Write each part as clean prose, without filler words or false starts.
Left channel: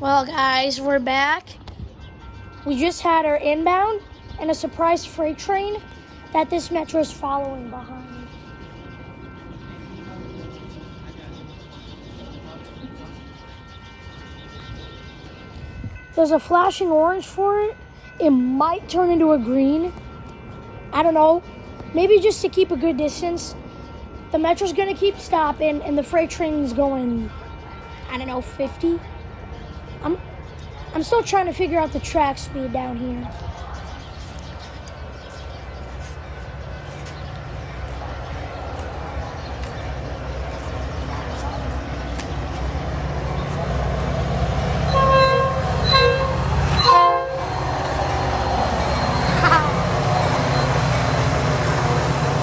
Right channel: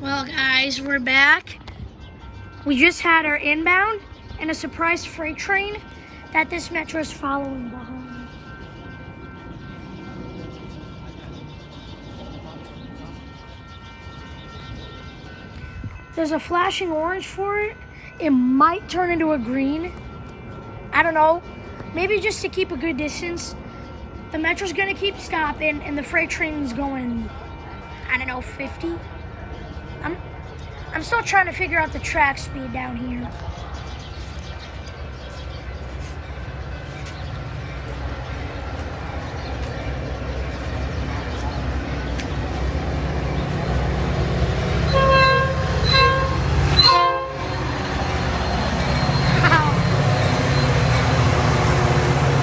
Well, guys, we're back. We just had our inbound and a surprise freight train that this Metra is following behind. There's a flashing orange for it. It might turn into a green. I don't know. Maybe just to keep a good distance. The Metra's gonna keep stopping and the freight train's going, I don't know, 50. I'm still trying to figure out the track speed down here.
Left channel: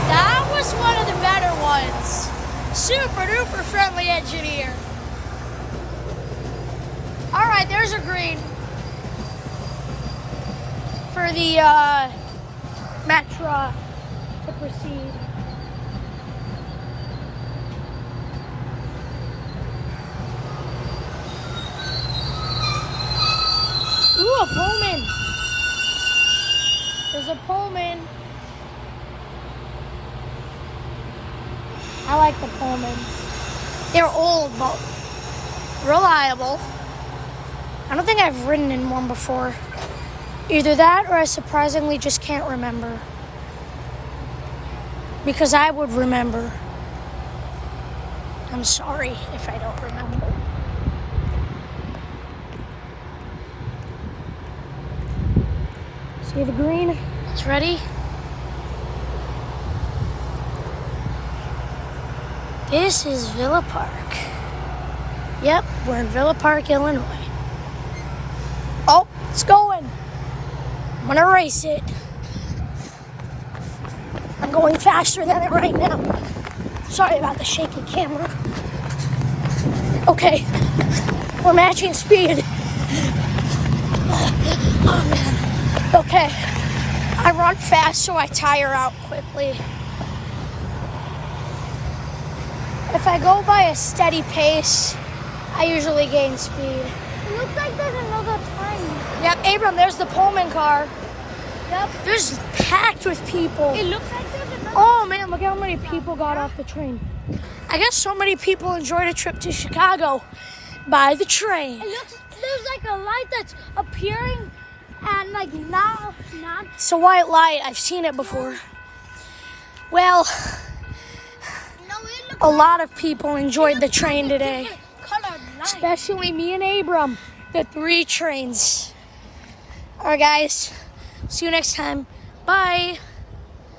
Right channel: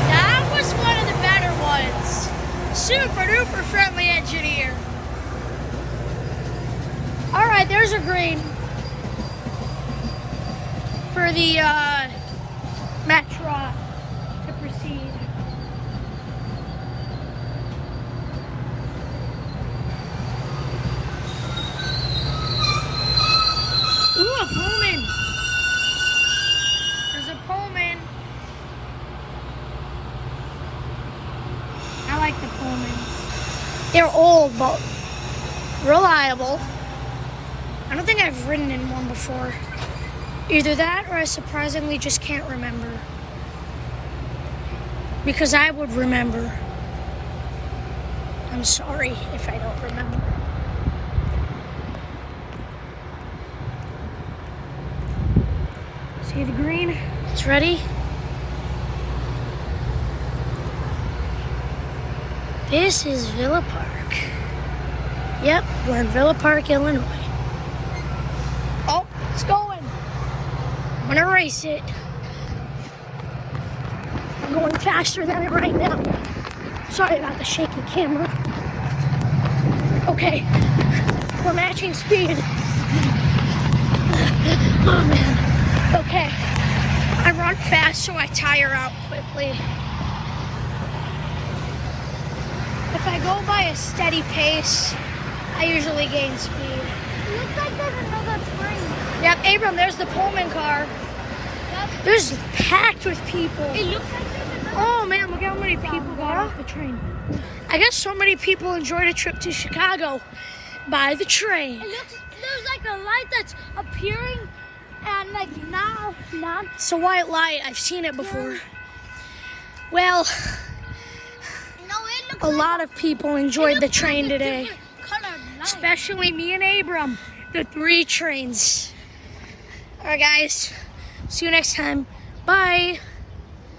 That was one of the better ones. Super duper friendly engineer. All right, there's a green for the Metra to proceed. Ooh, a Pullman. There's a Pullman. I like the Pullmans. They're old, but reliable. I don't think I've ridden in one before. Either that or I surprisingly just can't remember. Because I would remember. I'm sorry if I don't remember. See the green? It's ready. This is Villa Park. Yep, we're in Villa Park, Illinois. Oh, it's going. I'm gonna race it. I'm going faster than it right now. Sorry about the shaky camera. Okay, we're matching speed. Oh man. Okay, I run fast so I tire out quickly. If I go by a steady pace, I usually gain speed. It looks like there's another train. Yep, Abram, there's the Pullman car. Yep. There's packed with people. It looks like there's another. Oh man, look how many people got off the train. I guess so many people enjoyed a trip to Chicago by the train. It looks, there's like a light that's appearing and like not. It's a white light. I've seen it before. Well, No, it looks a lot of people enjoyed the train like a today. different colored light. Especially me and Abram, the 3 trains. All right, guys. See you next time. Bye.